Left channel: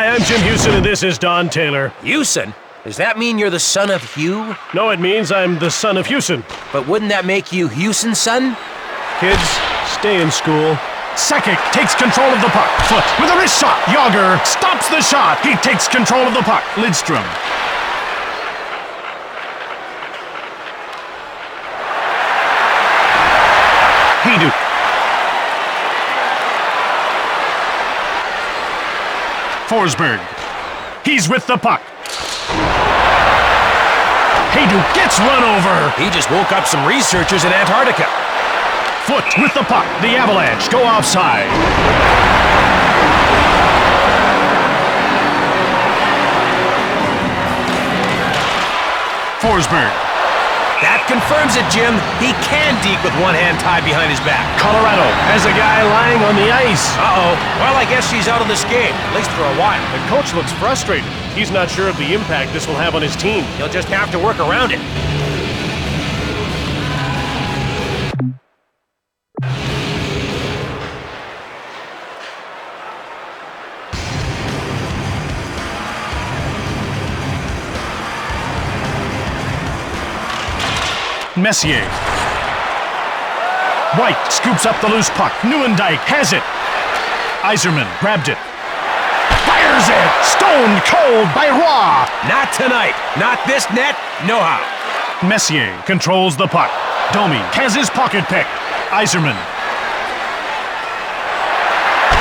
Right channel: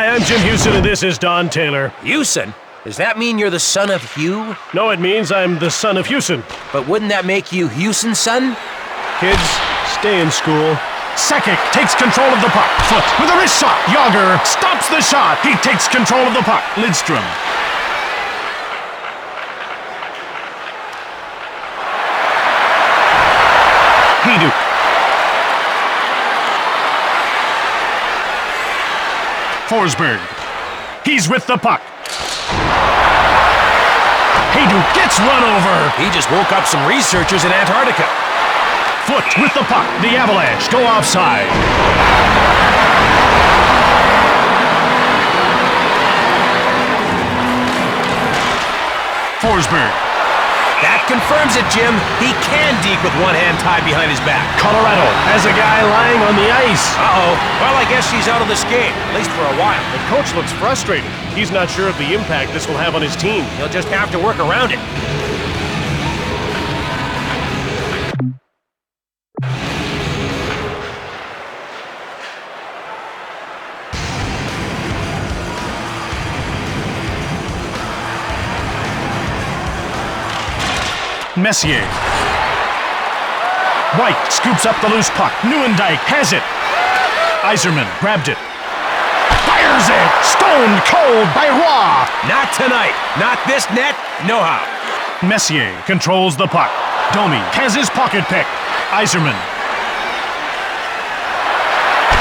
Hi, I'm Jim Houston, and this is Don Taylor. Houston? Does that mean you're the son of Hugh? No, it means I'm the son of Houston. But wouldn't that make you Houston's son? Kids, stay in school. Sakic takes control of the puck. Foot with a wrist shot. Yager stops the shot. He takes control of the puck. Lidstrom. Hayduk. Forsberg. He's with the puck. Hayduk gets run over. He just woke up some researchers in Antarctica. Foot with the puck. The Avalanche go offside. Forsberg. That confirms it, Jim. He can deke with one hand tied behind his back. Colorado has a guy lying on the ice. Uh-oh. Well, I guess he's out of this game, at least for a while. The coach looks frustrated. He's not sure of the impact this will have on his team. He'll just have to work around it. Messier. White scoops up the loose puck. Nieuwendyk has it. Yzerman grabbed it. Fires it! Stoned cold by Roy! Not tonight. Not this net. No how. Messier controls the puck. Domi has his pocket pick. Yzerman.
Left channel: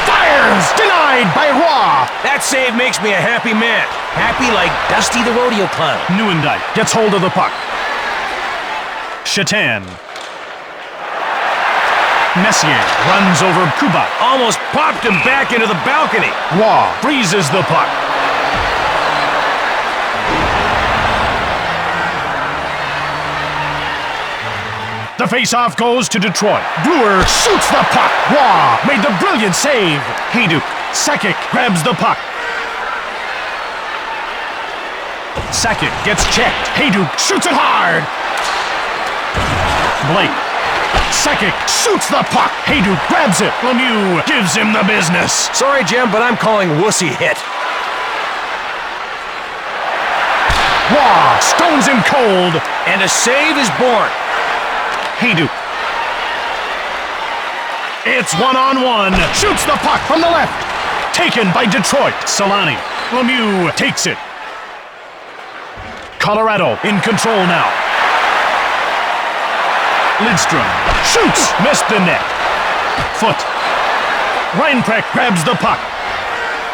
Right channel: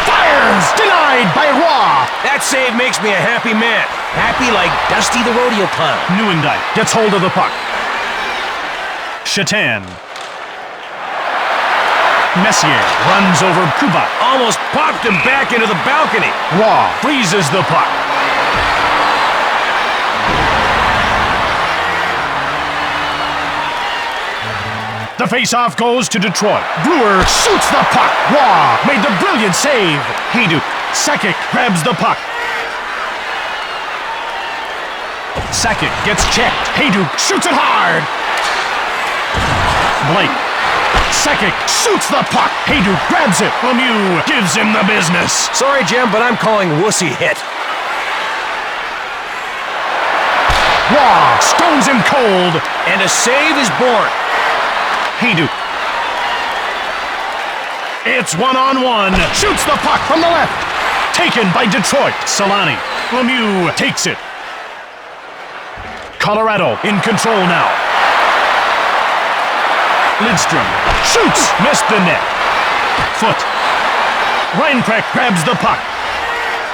Fires! Denied by Roy! That save makes me a happy man. Happy like Dusty the Rodeo Clown. Nieuwendyk gets hold of the puck. Shatan. Messier runs over Kubat. Almost popped him back into the balcony. Roy freezes the puck. The faceoff goes to Detroit. Brewer shoots the puck. Roy made the brilliant save. Hayduk. Sakic grabs the puck. Sakic gets checked. Hayduk shoots it hard. Blake. Sakic shoots the puck. Hayduk grabs it. Lemieux gives him the business. Sorry, Jim, but I'm calling wussy hit. Roy stones him cold. And a save is born. Hayduk. It's one-on-one. Shoots the puck from the left. Taken by Detroit. Solani. Lemieux takes it. Colorado in control now. Lidstrom shoots, missed the net. Foot. Reinprecht grabs the puck.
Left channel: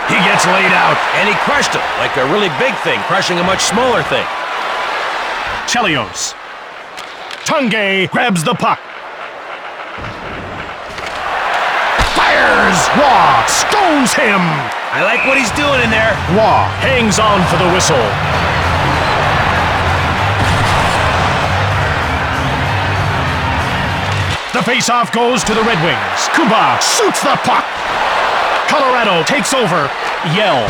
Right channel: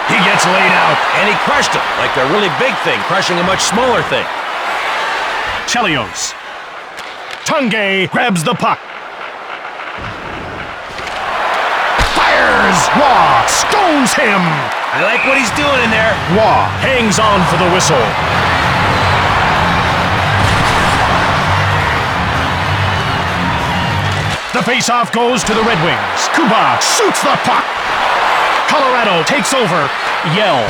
He gets laid out. And he crushed him, like a really big thing crushing a much smaller thing. Chelios. Tunge grabs the puck. Fires! Roy scones him. I like what he's doing in there. Roy hangs on for the whistle. The faceoff goes to the Red Wings. Kuba shoots the puck. Colorado takes over. Yell.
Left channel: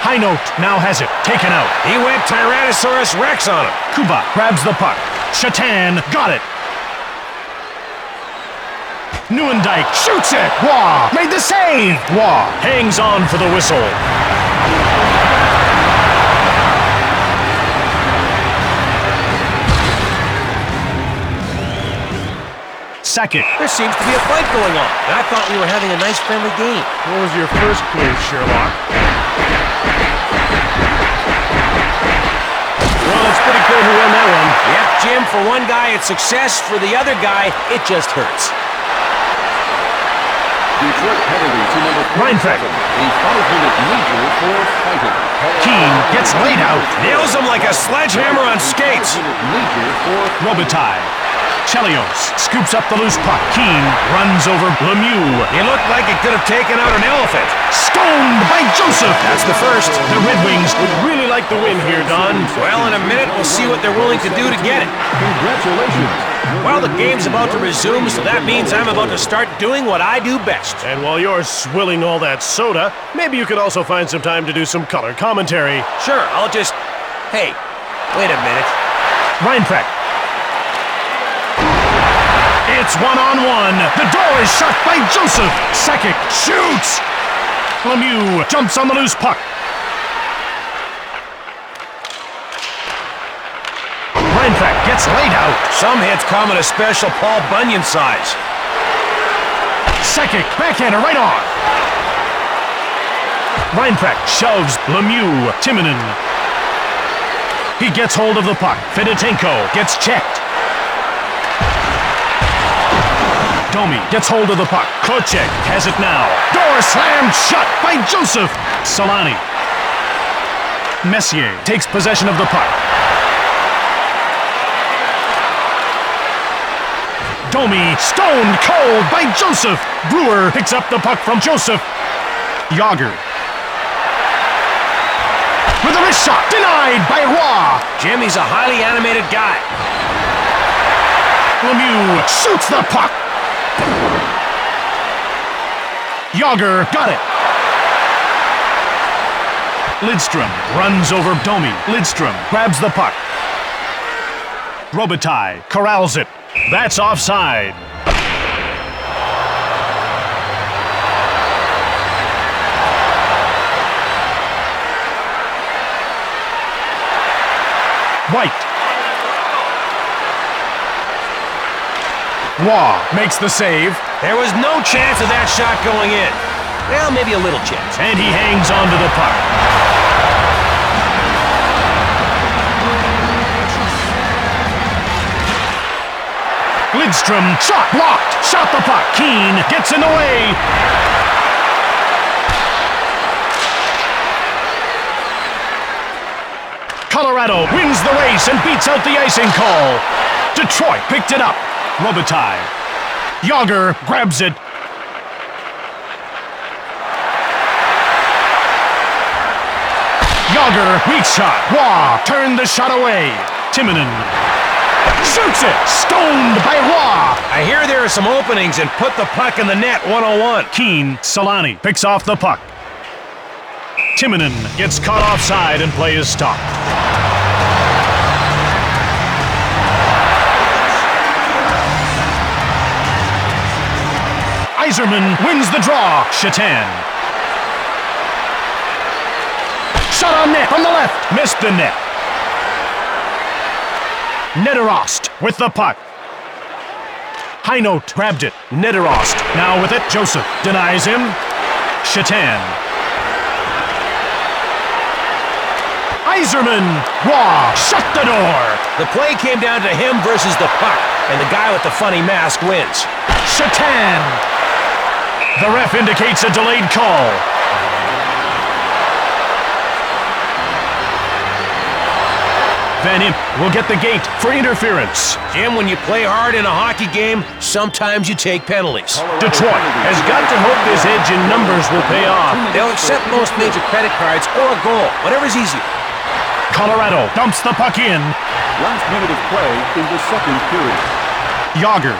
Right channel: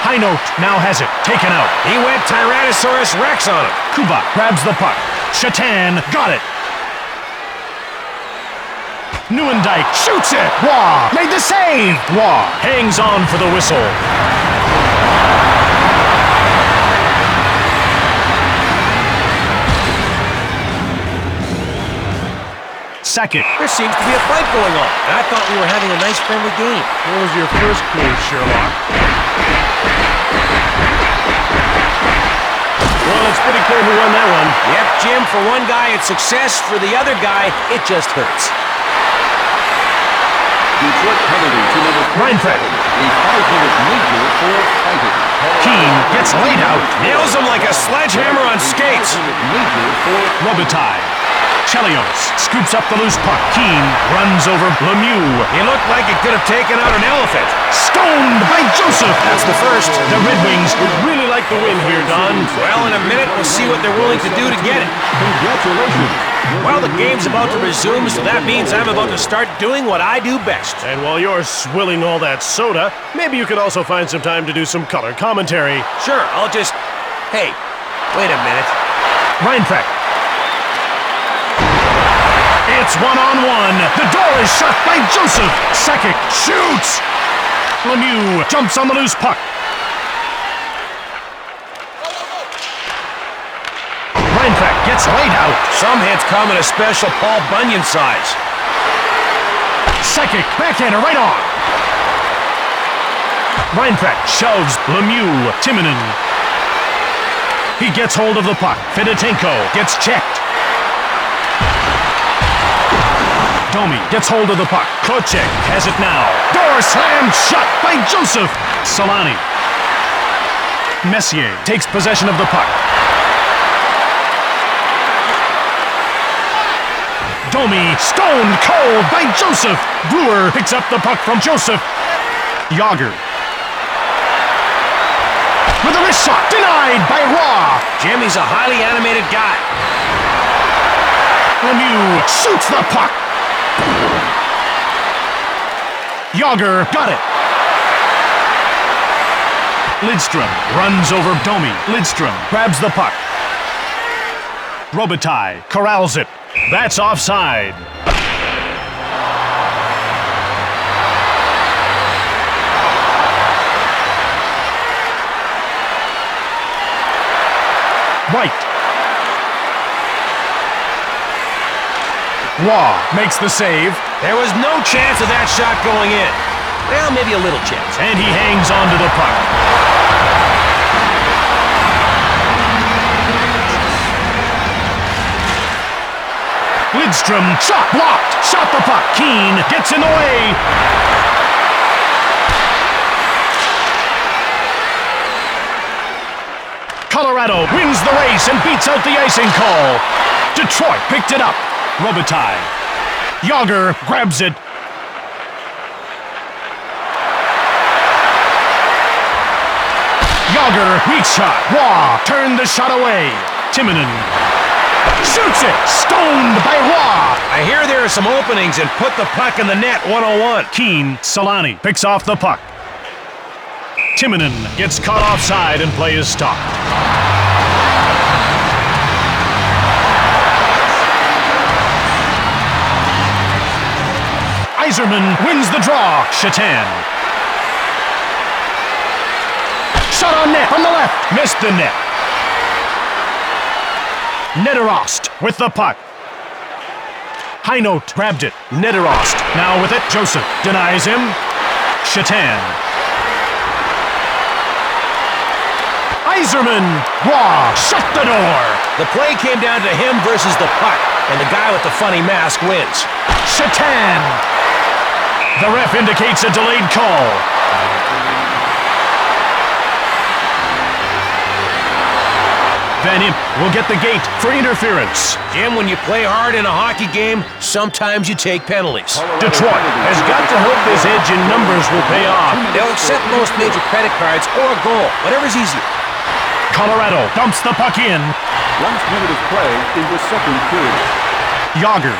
High note now has it. Taken out. He went Tyrannosaurus Rex on him. Kuba grabs the puck. Shatan got it. Nieuwendyk shoots it. Roy made the save. Roy hangs on for the whistle. Sakic. There seems to be a fight going on, and I thought we were having a nice friendly game. What was your first clue, Sherlock? Well, it's pretty clear who won that one. Yep, Jim, for one guy it's success, for the other guy it just hurts. Detroit penalty to number 47. Reinprecht. A 5-minute major for fighting. Keane gets laid out. Nails him like a sledgehammer on skates. 5-minute major for Robitaille. Chelios scoops up the loose puck. Keane runs over Lemieux. He looked like he could have taken out an elephant. Stoned by Joseph. That's the first. The Red Wings Would really like the win here, Don. Well, in a minute we'll see what they're willing to do to get it. Congratulations. Well, the game's about to resume, so that means I'm about to start doing what I do best. And while you're swilling all that soda, maybe you could also find some time to do some color commentary. Sure, I'll just... Hey, wait a minute. Reinprecht. It's one-on-one. The door is shut by Joseph. Sakic shoots. Lemieux jumps on the loose puck. Reinpracht gets laid out. Some hits come in a special Paul Bunyan size. Sakic, backhander right on. Reinpracht shoves Lemieux. Timonen. He gets hold of the puck. Fedotenko gets checked. Domi gets hold of the puck. Kocek has it now. Door slammed shut by Joseph. Solani. Messier takes possession of the puck. Domi stoned cold by Joseph. Brewer picks up the puck from Joseph. Yager. With a wrist shot, denied by Roy. Jimmy's a highly animated guy. Lemieux shoots the puck. Yager got it. Lidstrom runs over Domi. Lidstrom grabs the puck. Robitaille corrals it. That's offside. White. Waugh makes the save. There was no chance of that shot going in. Well, maybe a little chance. And he hangs on to the puck. Lidstrom shot blocked. Shot the puck. Keane gets in the way. Colorado wins the race and beats out the icing call. Detroit picked it up. Robitaille. Yager grabs it. Yager, weak shot. Waugh turned the shot away. Timonen shoots it. Stoned by Waugh. I hear there are some openings and put the puck in the net 101. Keane, Solani picks off the puck. Timonen gets caught offside and play is stopped. Yzerman wins the draw. Shatan. Shot on net from the left. Missed the net. Nederost with the puck. Heinold grabbed it. Nederost now with it. Joseph denies him. Shatan. Yzerman. Waugh shut the door. The play came down to him versus the puck, and the guy with the funny mask wins. Shatan. The ref indicates a delayed call. Van Imp will get the gate for interference. Jim, when you play hard in a hockey game, sometimes you take penalties. Detroit has got to hope this edge in numbers will pay off. They'll accept most major credit cards or a goal, whatever's easier. Colorado dumps the puck in. Last minute of play in the second period. Yager.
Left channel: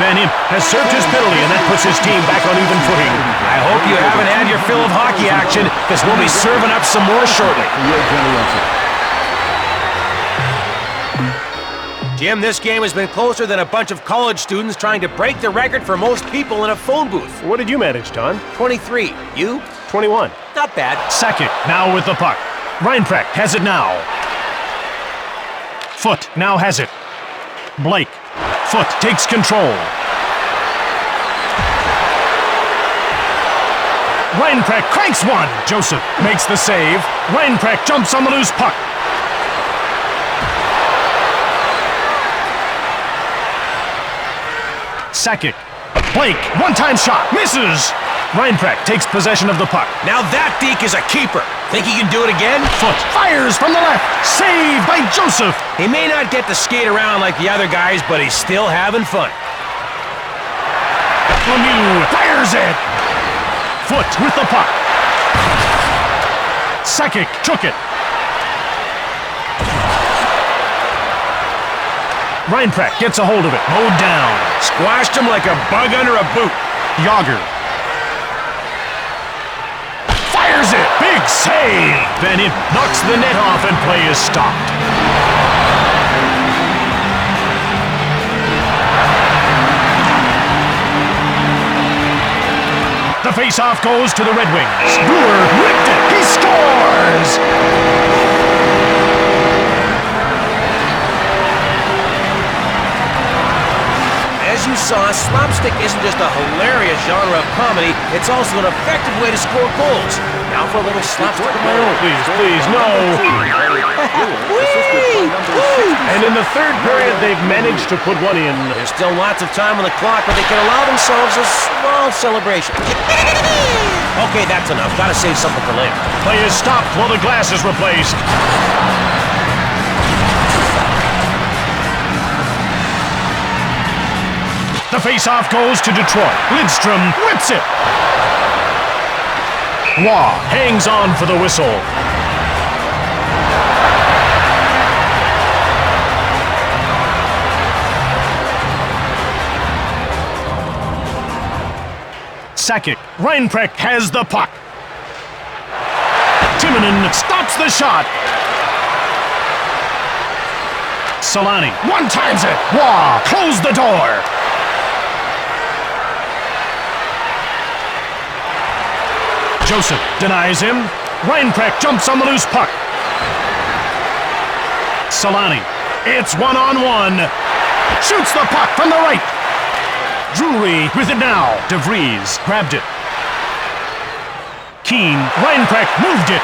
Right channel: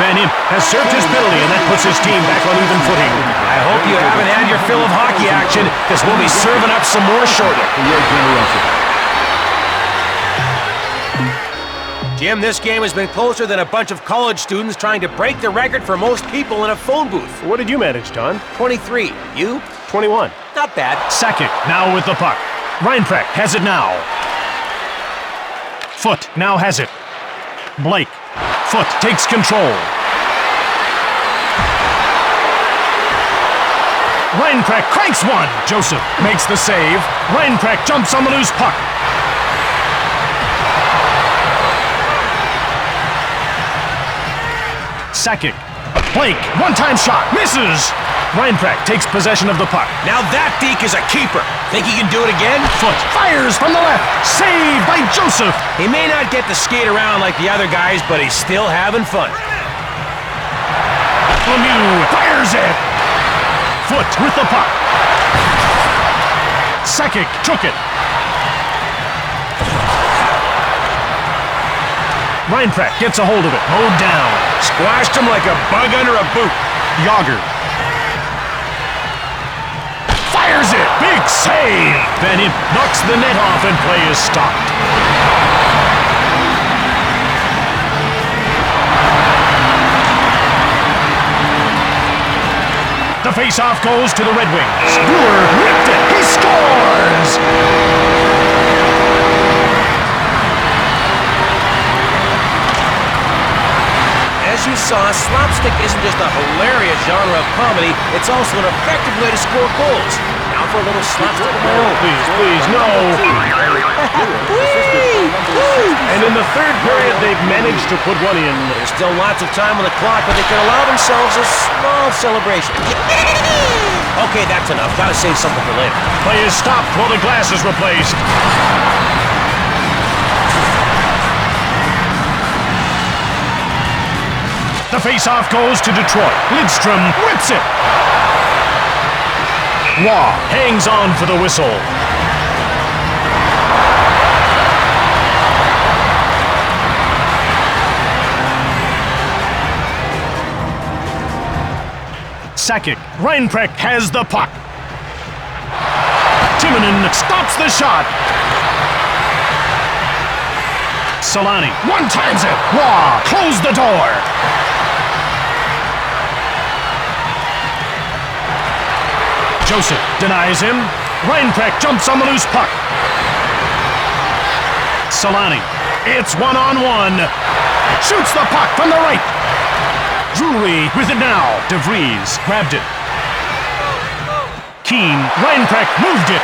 Van Imp has served his penalty, and that puts his team back on even footing. I hope you haven't had your fill of hockey action, because we'll be serving up some more shortly. Jim, this game has been closer than a bunch of college students trying to break the record for most people in a phone booth. What did you manage, Don? 23. You? 21. Not bad. Sakic now with the puck. Reinpracht has it now. Foot now has it. Blake. Foot takes control. Reinpracht cranks one. Joseph makes the save. Reinpracht jumps on the loose puck. Sakic. Blake, one-time shot. Misses. Reinpracht takes possession of the puck. Now that deke is a keeper. Think he can do it again? Foot fires from the left. Saved by Joseph. He may not get to skate around like the other guys, but he's still having fun. Lemieux fires it. Foot with the puck. Sakic took it. Reinpracht gets a hold of it. Mowed down. Squashed him like a bug under a boot. Yager. Fires it. Big save. Van Imp knocks the net off and play is stopped. The face-off goes to the Red Wings. Brewer whipped it. He scores! As you saw, slapstick isn't just a hilarious genre of comedy, it's also an effective way to score goals. Now for a little slapstick of my own. Please, please, no. And in the third period, they've managed to put one in. There's still lots of time on the clock, but they can allow themselves a small celebration. Okay, that's enough. Gotta save something for later. Play is stopped while the glass is replaced. The face-off goes to Detroit. Lidstrom whips it. Waugh hangs on for the whistle. Sakic. Reinprecht has the puck. Timonen stops the shot. Solani one-times it. Waugh close the door. Joseph denies him. Reinprecht jumps on the loose puck. Solani. It's one-on-one. Shoots the puck from the right. Drury with it now. DeVries grabbed it. Keane. Reinprecht moved it.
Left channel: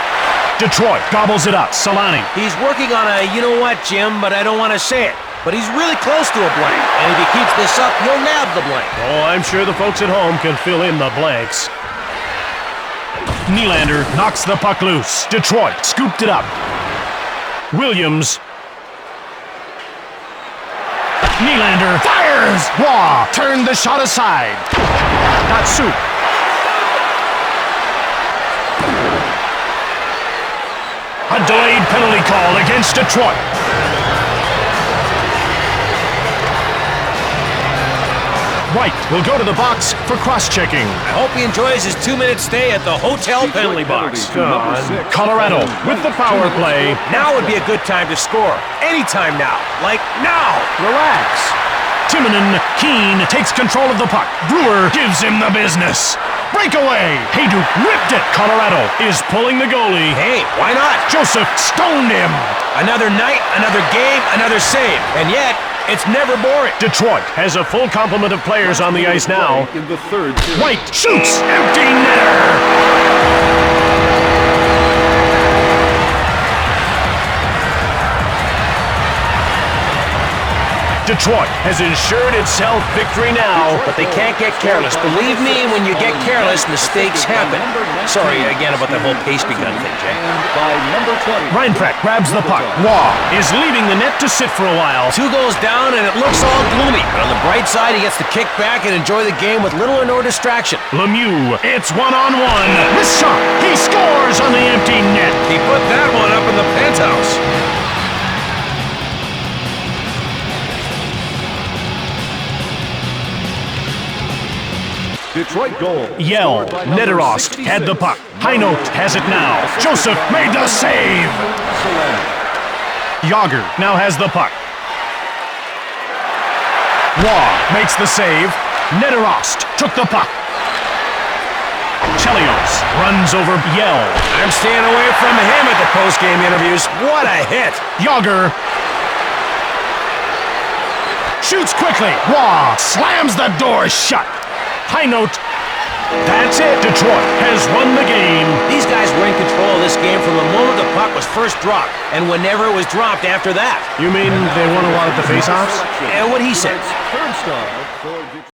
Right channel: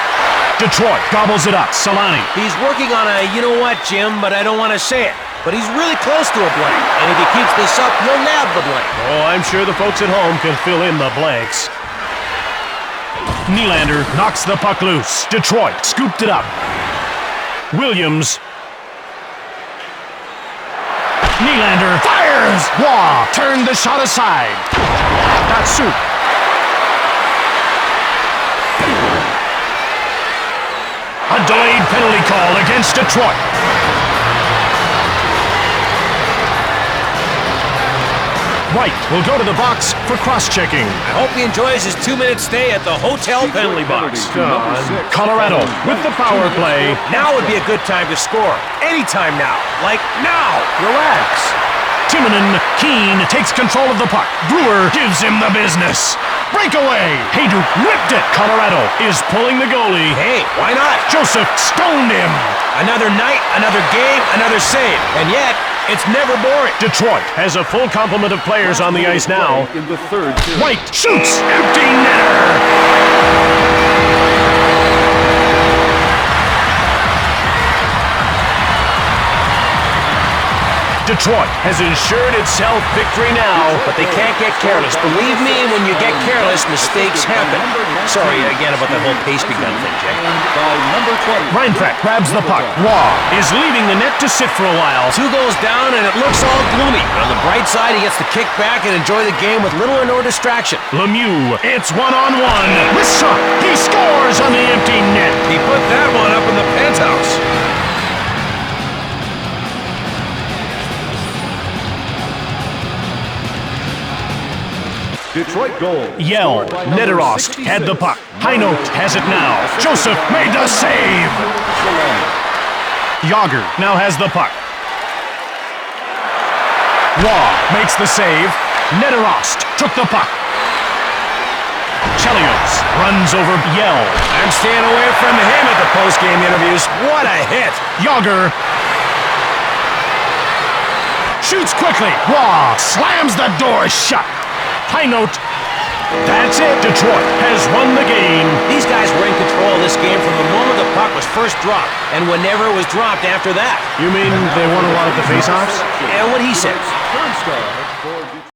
Detroit gobbles it up. Solani. He's working on a you know what, Jim, but I don't want to say it. But he's really close to a blank, and if he keeps this up, he'll nab the blank. Oh, I'm sure the folks at home can fill in the blanks. Nylander knocks the puck loose. Detroit scooped it up. Williams. Nylander fires! Waugh turned the shot aside. Datsuk. A delayed penalty call against Detroit. White will go to the box for cross-checking. I hope he enjoys his 2-minute stay at the hotel penalty box. Colorado with the power play. Now would be a good time to score. Anytime now. Like now. Relax. Timonen. Keane takes control of the puck. Brewer gives him the business. Breakaway. Hayduk whipped it. Colorado is pulling the goalie. Hey, why not? Joseph stoned him. Another night, another game, another save. And yet, it's never boring. Detroit has a full complement of players on the ice now. In the third period. White shoots. Empty netter. Detroit has ensured itself victory now. But they can't get careless. Believe me, when you get careless, mistakes happen. Sorry again about that whole pastry gun thing, Jay. And by number 20. Reinprecht grabs the puck. Waugh is leaving the net to sit for a while. 2 goals down, and it looks all gloomy. But on the bright side, he gets to kick back and enjoy the game with little or no distraction. Lemieux, it's one-on-one. This shot, he scores on the empty net. He put that one up in the penthouse. Detroit goal. Yell, Scored by number Nederost 66. had the puck. Heinold has it now. Joseph made the save. Yager now has the puck. Waugh makes the save. Nederost took the puck. Chelios runs over Yell. I'm staying away from him at the post-game interviews. What a hit! Yager shoots quickly. Waugh slams the door shut. High note. That's it. Detroit has won the game. These guys were in control of this game from the moment the puck was first dropped, and whenever it was dropped after that. You mean they won a lot at the face-offs? And what he said. Third star for Detroit.